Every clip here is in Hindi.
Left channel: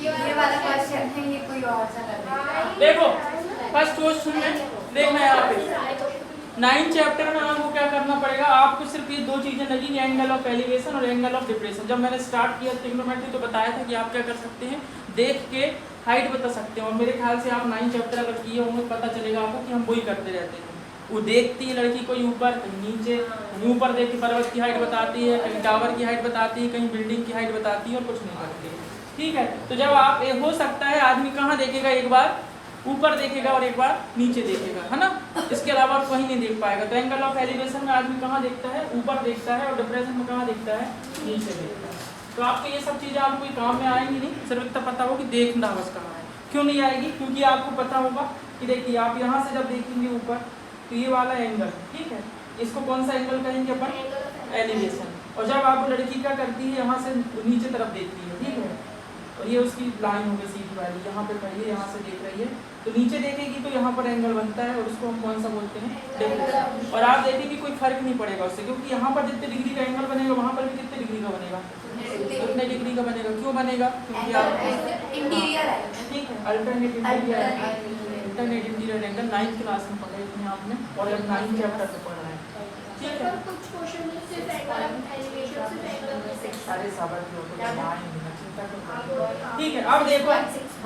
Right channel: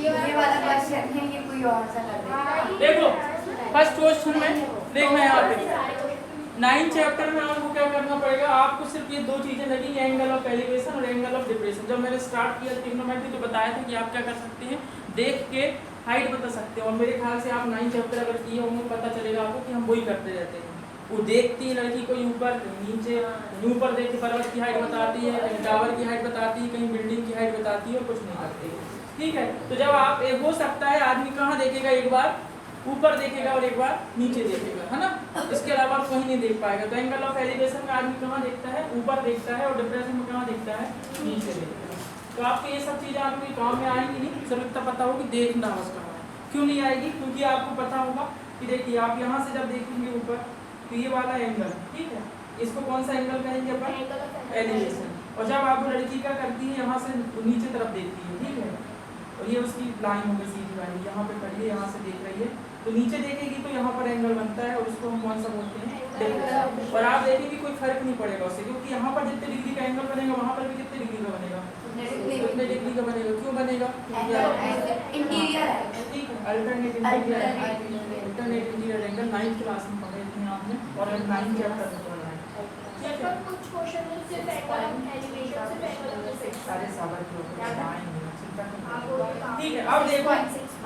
ये वाला क्वेश्चन है, ये कोई और सा लग रहा है। देखो फर्स्ट क्वेश्चन में देखना यहाँ पे 9 चैप्टर में आपको क्या करना पड़ेगा, आपको सिर्फ ये दो चीजें लगेंगी, एंगल ऑफ एलिवेशन और एंगल ऑफ डिप्रेशन। जब मैंने स्टार्ट किया ट्रिग्नोमेट्री तो बताया था कि आप क्या कर सकते हैं, देख के हाइट बता सकते हो। और मेरे ख्याल से आप 9 चैप्टर अगर किए होंगे पता चलेगा आपको कि हम वही करते रहते हैं। वो देखती है लड़की कोई ऊपर कहीं नीचे, कहीं ऊपर देख के पर्वत की हाइट बताती है, कहीं टावर की हाइट बताती है, कहीं बिल्डिंग की हाइट बताती है और कुछ नहीं करती है। ठीक है, तो जब आप हो सकता है आदमी कहाँ देखेगा, एक बार ऊपर देखेगा और एक बार नीचे देखेगा, है ना, इसके अलावा कहीं नहीं देख पाएगा। तो एंगल ऑफ एलिवेशन में आदमी कहाँ देखता है, ऊपर देखता है, और डिप्रेशन में कहाँ देखता है, नीचे देखता है। तो आपको ये सब चीज़ें आपको कोई काम में आएंगी नहीं, सिर्फ इतना पता हो कि देखना बस कहाँ है। क्यों नहीं आएगी, क्योंकि आपको पता होगा कि देखिए आप यहाँ से जब देखेंगे ऊपर तो ये वाला एंगल, ठीक है, इसको कौन सा एंगल कहेंगे अपन, एलिवेशन। और जब आप लड़की क्या करती है, यहाँ से नीचे तरफ देखती है, ठीक है, और ये उसकी लाइन हो गई सीधी वाली, यहाँ पे पहले यहाँ से देख रही है तो नीचे देखेगी तो यहाँ पर एंगल बनता है और उसको हम कौन सा बोलते हैं, डेल्टा। और आप देखेंगे कोई फर्क नहीं पड़ेगा उससे, क्योंकि यहाँ पर जितने डिग्री का एंगल बनेगा वहाँ पर भी कितने डिग्री का बनेगा, उतने डिग्री का बनेगा। क्यों बनेगा, क्योंकि आप ठीक है alternate interior angle 9th class में पढ़े थे आपने, और 9th चैप्टर में पढ़ा है। ठीक है, कुछ क्वेश्चन में सिर्फ एलिवेशन से सारे साबर के ऊपर ठीक है। अब देखो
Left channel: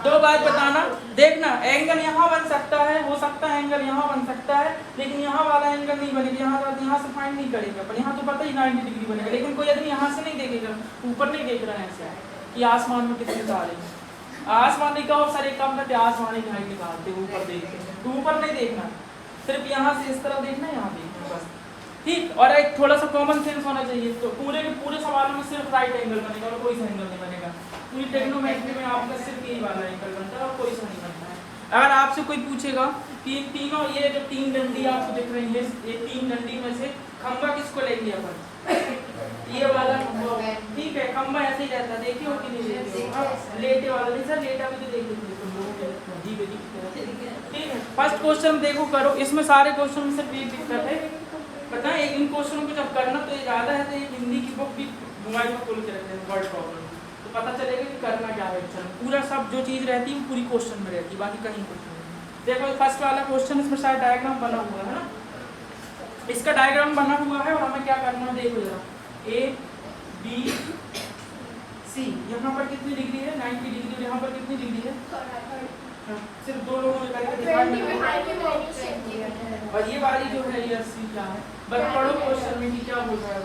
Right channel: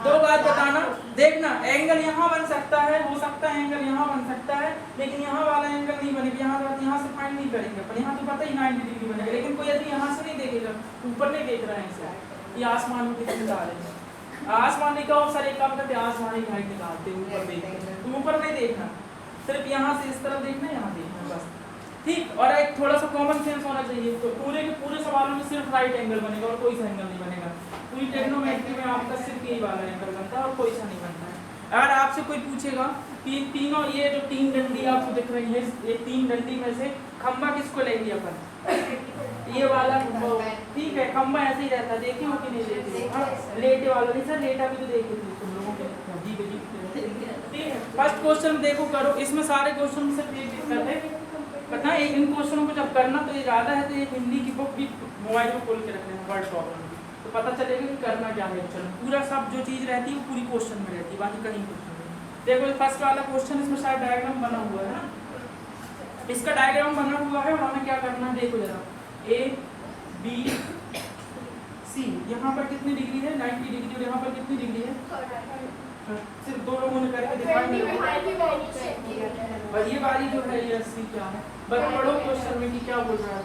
दो बात बताना, देखना एंगल यहाँ बन सकता है, हो सकता है एंगल यहाँ बन सकता है, लेकिन यहाँ वाला एंगल नहीं बनेगा। यहाँ से फाइंड नहीं करेंगे अपन, यहाँ तो पता ही 90 डिग्री बनेगा, लेकिन कोई आदमी यहाँ से नहीं देखेगा, ऊपर नहीं देख रहा है ऐसे कि आसमान में कितने तारे हैं। आसमान नहीं कहो सर, एक काम करते आसमान की हाइट निकालते ऊपर देखते हैं, तो ऊपर नहीं देखना, सिर्फ यहाँ से इस तरफ देखना, यहाँ देखना बस, ठीक। और एक थोड़ा सा कॉमन सेंस होना चाहिए। तो पूरे के पूरे सवालों में सिर्फ राइट एंगल बनेगा और कोई सा एंगल नहीं बनेगा। पूरी ट्रिग्नोमेट्री में आपका सिर्फ यही वाला एंगल बनता है और कोई सा नहीं बनता है। अगर आपसे कोई पूछेगा कि तीनों ये जो 3 डंडी आपको दिख रही है, ये 3 डंडी में से खंबा किसको लेंगे अपन, ये वाला, ठीक है, खंबा ऐसे ही रहता है, देखे हो कि नहीं देखे हो, हाँ, लेटे वाला नहीं सर, लेटा भी तो देख लेते हो तुम लोगों के, ठीक है। फर्स्ट क्वेश्चन देखो करो, इसमें सारे क्वेश्चन में सिर्फ एक दिक्कत है, पता है, इन क्वेश्चनों को जब करना तो ये ज़्यादा है तो एक हिंदी की बुक भी मोबाइल में खोल के रख लेना, वर्ड प्रॉब्लम, तो पता चलेगा कि करना क्या है। चलो पूरा सब जो चीज़ रहती है वो पूरी क्वेश्चन में रहती है, बाकी कहीं कुछ नहीं। देखो फर्स्ट वाला क्वेश्चन, इसमें सारा डायग्राम बना हुआ है ना, इसका डायग्राम बना हुआ है और हमें क्या करना है, देखो जरा A B C, यहाँ पर कितनी डिग्री है, 90 डिग्री, और यहाँ पर कितनी डिग्री है, सिर्फ 2 लोगों ने करके दिखाया। और ये वाली जो है ये 80 क्या है, बस पढ़ो क्वेश्चन में कि क्या बोल रहा है।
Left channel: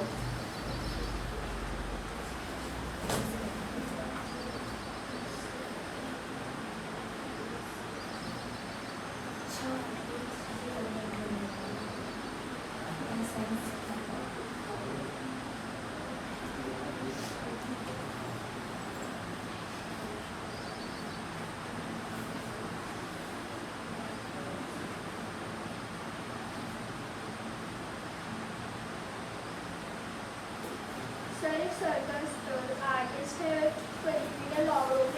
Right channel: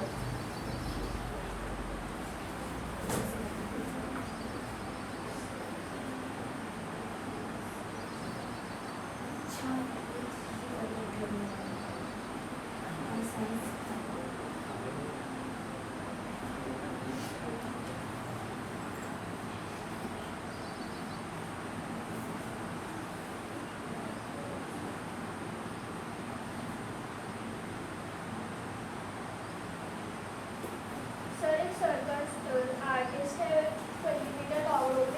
आर्टिस्ट है, में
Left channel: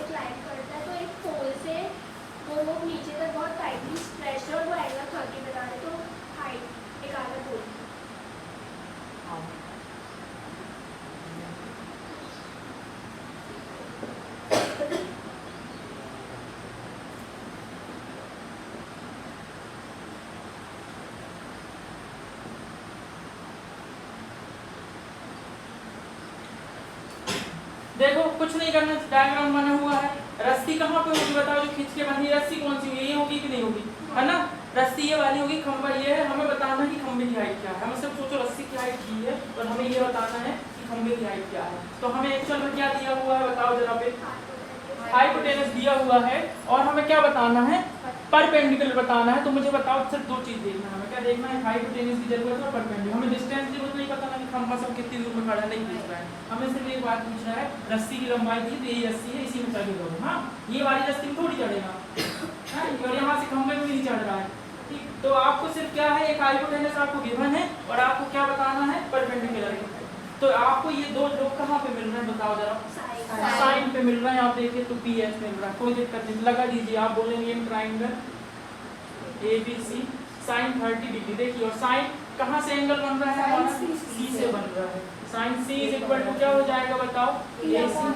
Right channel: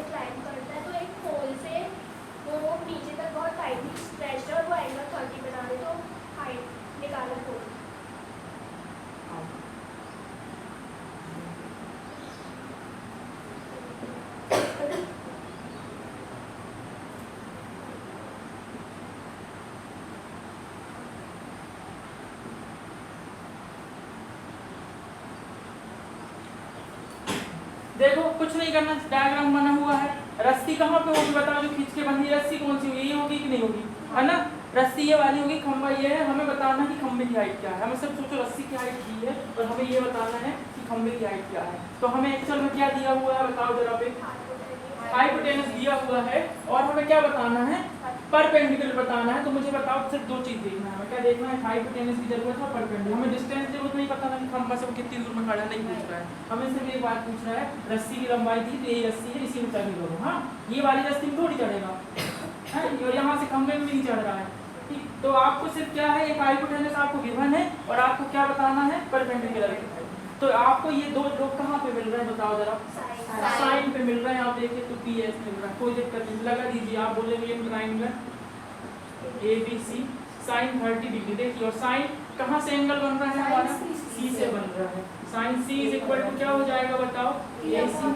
क्लाइंब करता है, तो एक पोल से वो लोग नीचे तक बहुत टाइटली स्ट्रेच है और वो एंगल 30 बना रहे, तो हाइट निकालना पड़ेगा। देखो कुछ नहीं करना, डायग्राम बना हुआ है, रस्सी कहाँ पे होगी बताओ, जो खींच के बंधी रस्सी कौन सी यही होगी कि नहीं होगी, है ना, रस्सी ये वाली होगी, खंबा ये है। हमें बताना है कि खंबे की हाइट क्या है, हमें सिर्फ सोचो रस्सी की हाइट की है और हमें ये बताना है कि खंबे की हाइट क्या है। तो हमें एक्चुअल में क्या दिया हुआ है बताओ जरा पे, हाइपोटेनस दिया हुआ है और हमें क्या बताना है, परपेंडिकुलर बताना है। तो मुझे बताओ सिर्फ 2 चीज देखना है, हमें क्या देखना है, हाइपोटेनस की जरूरत है और परपेंडिकुलर। हमें डिस्टेंस की जरूरत नहीं, पता ना कि खंबा से वो कितनी दूर में खड़ा नहीं पूछ रहा है, हमें सिर्फ एक बात पूछ रहा है, रस्सी की लंबाई थी तो यही रस्सी है, इसी में चढ़ लो, हाँ, ये वाली रस्सी थोड़ी चढ़ेगा है, और यहाँ से खंबे में नहीं चढ़ रहा है, ठीक। तो आपको सिर्फ क्या है, एक हाइपोटेनस आपको गिवन है और आपको क्या बताना है, परपेंडिकुलर। तो आपको ये 2 लोग कहाँ पे मिल रहे हैं बताओ जरा, साइन पे मिल रहा है, आप देखिए तो PS मिल रहा है, कोई दिक्कत नहीं, लगा दीजिए। आप बोलेंगे ट्राइंगल ABC साइन 30 डिग्री, देखिए, और साइन कहाँ से एंगल बन रहा है हमारा, सी से बन रहा है। Sine C is equal to क्या हो जाएगा बताओ, A C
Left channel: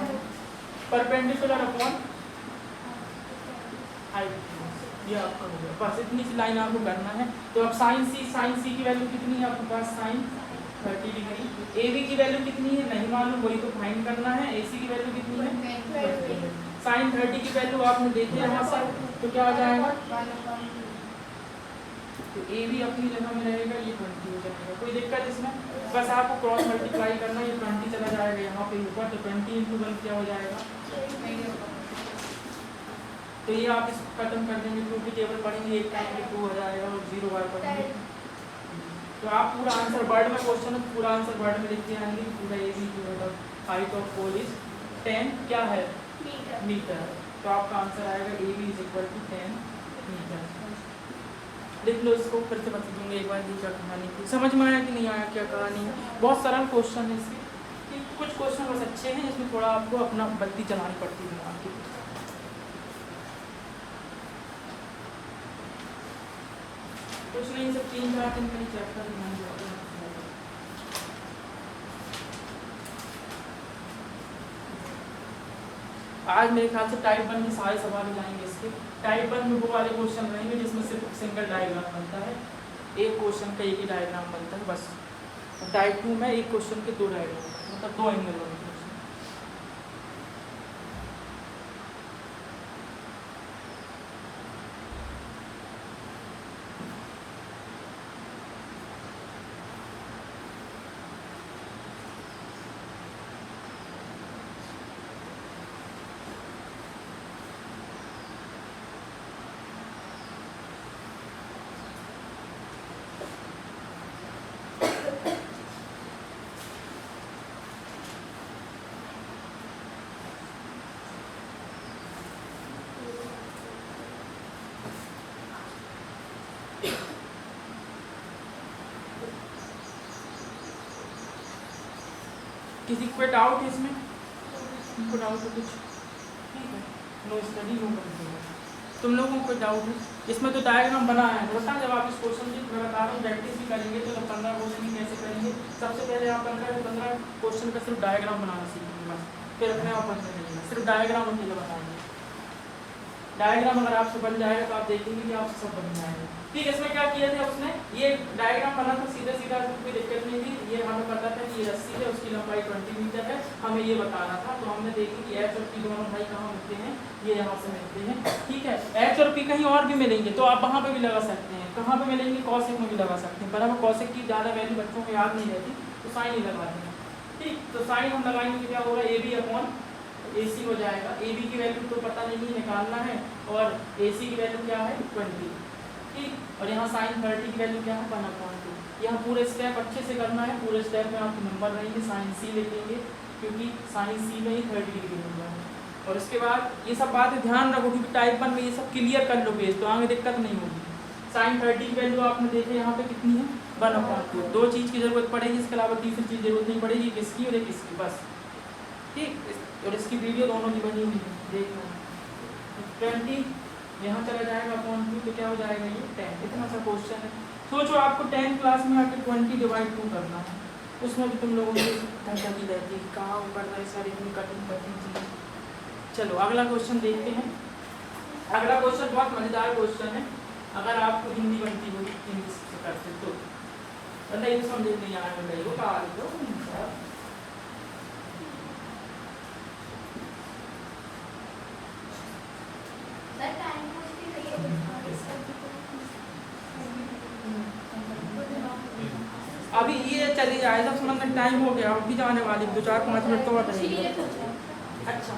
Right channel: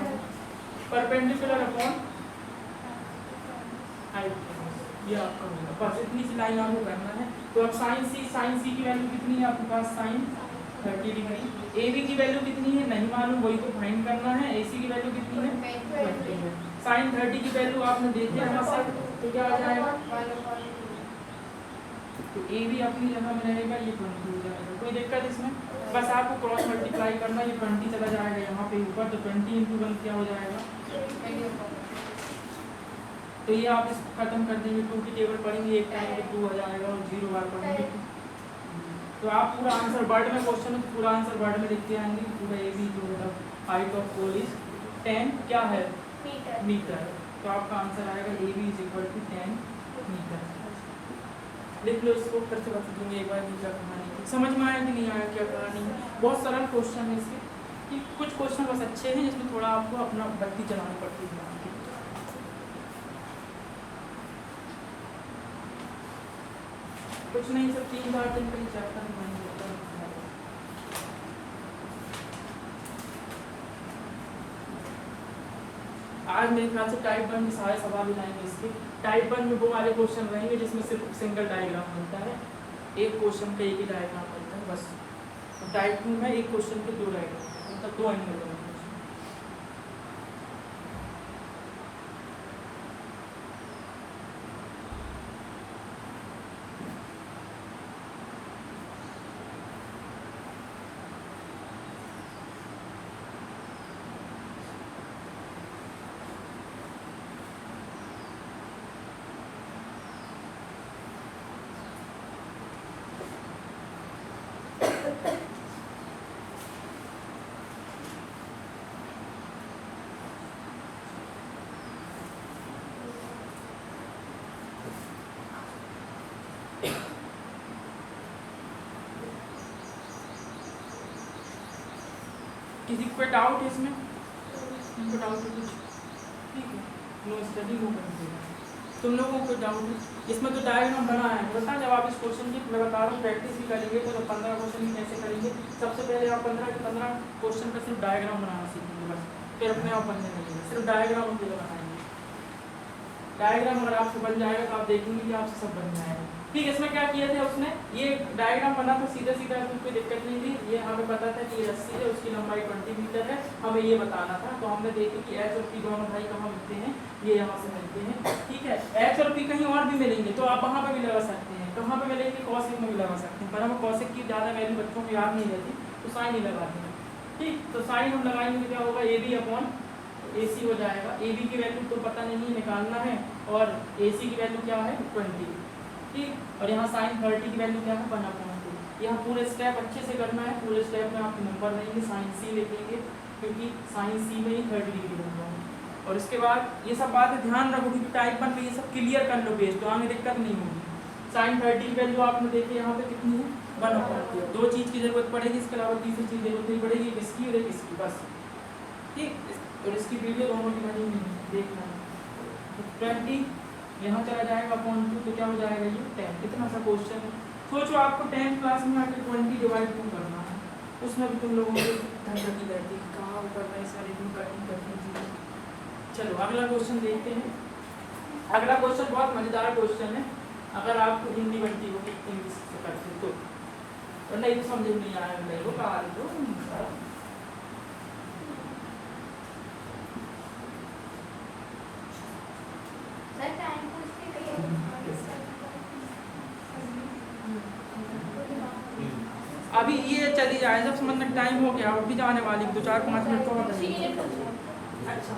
perpendicular upon hypotenuse. ये आपका हो गया, बस इतनी सी लाइन आपको करना है। तो अब साइन सी की वैल्यू कितनी है आपके पास, साइन 30 डिग्री। ए बी की वैल्यू कितनी है नहीं मालूम, वही तो फाइंड करना है। ए सी की वैल्यू कितनी है, साइन 30 की वैल्यू आपने देखी है यहाँ से, तो क्या हो जाएगा, तो ए भी अपनी जगह में रहेगा, ये 20 हो जाएगा। कोई दिक्कत इसमें, बस आपको क्रॉस मल्टीप्लाई करना, ये 20 चला जाएगा यहाँ पे ऊपर, तो 20 × 1 क्या हो जाएगा। तो ये आप इसको खत्म कर देंगे, 2 की टेबल पढ़ेंगे, एक टाइम के 2 हो जाएगा और 0 बार पढ़ेंगे। तो आप पूरा आंसर वर्ड में क्वेश्चन है, तो पूरा आंसर वर्ड में लिखते आएंगे। पूरा ए बी जो है हाइट ऑफ पोल इज 10 क्या है मीटर। तो आपका आंसर आएगा A B is equal to 10 metre. लिख लो इसको, फिर से बता दूंगी एक बार क्या कहानी थी, समझ में आया कि नहीं आया क्या कहानी है। बहुत सरल क्वेश्चन है इसके, कि कुछ क्वेश्चन बस अच्छे हैं जिसमें थोड़ा आपको अपना बत्ती चलानी पड़ती है आपकी। कुछ नहीं, सब 3-4 दिन के लिए चैप्टर नहीं होता है। आज मेरे ख्याल से टाइप 1 में सारे सवाल लाएंगे इसके। टाइप 1 में वो वाले क्वेश्चन रहेंगे जिसमें सिर्फ सिंगल डायग्राम बनता है, एक क्वेश्चन का एक ही डायग्राम बनता है बस। टाइप 2 में एक क्वेश्चन के 2 डायग्राम, मतलब 2 एंगल बनते हैं। किसी को डाउट है इसमें, को डाउट है कुछ, ठीक है, नो स्टडी वो कर देगा। तुम लोगों को डाउट है इसमें, तो डायग्राम बनाया है बता। जब आप इस क्वेश्चन की मैं बता रहा हूँ प्रैक्टिस भी करेंगे, तो जब 15 क्वेश्चन कैसे करेंगे, सबसे पहले आप 15 के 15 क्वेश्चन का सिर्फ डायग्राम बनाना सीखेंगे बस, फिर अपने आप बनने लगेगा। सिर्फ डायग्राम अकेले बनाएंगे, डायग्राम अगर आपसे बन जाएगा तो आप देखेंगे कि आपसे सब बन जाएगा। ठीक है, इसमें क्या किया था उसने, ये डायग्राम बना था सीधा सीधा, इसमें कोई दिक्कत नहीं थी। ये हमें पता था कि ये रस्सी है, उसकी लंबाई 20 मीटर है, हमें ये बताना था। तो हमने देखा कि एच और पी दोनों भाई कहाँ मिलते हैं, ये यहाँ से मिलते हैं। ठीक है, एच और पी कहीं और भी मिलेंगे तो आप वहाँ पे भी लगा सकते हैं। कहाँ पे मिलेंगे, कॉसेक में भी लगा सकते हैं, पर हमें कॉसेक की ज़्यादा वैल्यू बच्चों को याद नहीं रहती, तो साइन ही लगाते हैं। ठीक, तो साइन हम लगाएंगे तो क्या होगा, ए बी अपॉन ए सी हो जाएगा। ए बी की वैल्यू तो पता नहीं निकालना है, और ए सी की वैल्यू क्या है 20। ठीक, और यहाँ साइन 30 की वैल्यू क्या है 1/2। यहाँ पूरे स्टेप अच्छे से करना है, पूरे स्टेप में आपके नंबर रहेंगे। साइन सी लिखेंगे क्योंकि साइन सी में ही 30 डिग्री बन जाएगा। और इसके बाद ये सब बातें ध्यान रखो, क्योंकि टाइप 1 में ये सब क्लियर कर लो पेज, तो हमें दिक्कत नहीं होगी। साइन 30 की वैल्यू आपने देखे यहाँ पे कितनी है 1/2। 2 चीज़ की जरूरत पड़ेगी, इसके अलावा तीसरी चीज़ जरूरत नहीं पड़ेगी, किसकी और किसकी बस। ठीक, और इसकी वीडियो दोनों की बनी हुई है, देखना। 20 यहाँ चला जाएगा अपॉन 2, तो क्या हो जाएगा ये 10। कितना सा क्वेश्चन है, सोचो आपको 10th क्लास में आकर 20 डिवाइड 2 करना है, उसमें भी तुम लोगों को धक्की रहती है, कहाँ वो करना है सर, इतनी कठिन चीज़। चलो अगला क्वेश्चन देखते हैं। अगला क्वेश्चन बहुत मज़ेदार क्वेश्चन है, अगर आपको हिंदी बनती होगी इंग्लिश से करते तो, वरना ये समझ नहीं आया मेरे को कहा दो सर। अभी ये चली जाए, जब मतलब टाइम हो गया, अभी जाने वाली 2-4-5 मिनट तो बताइए। अच्छा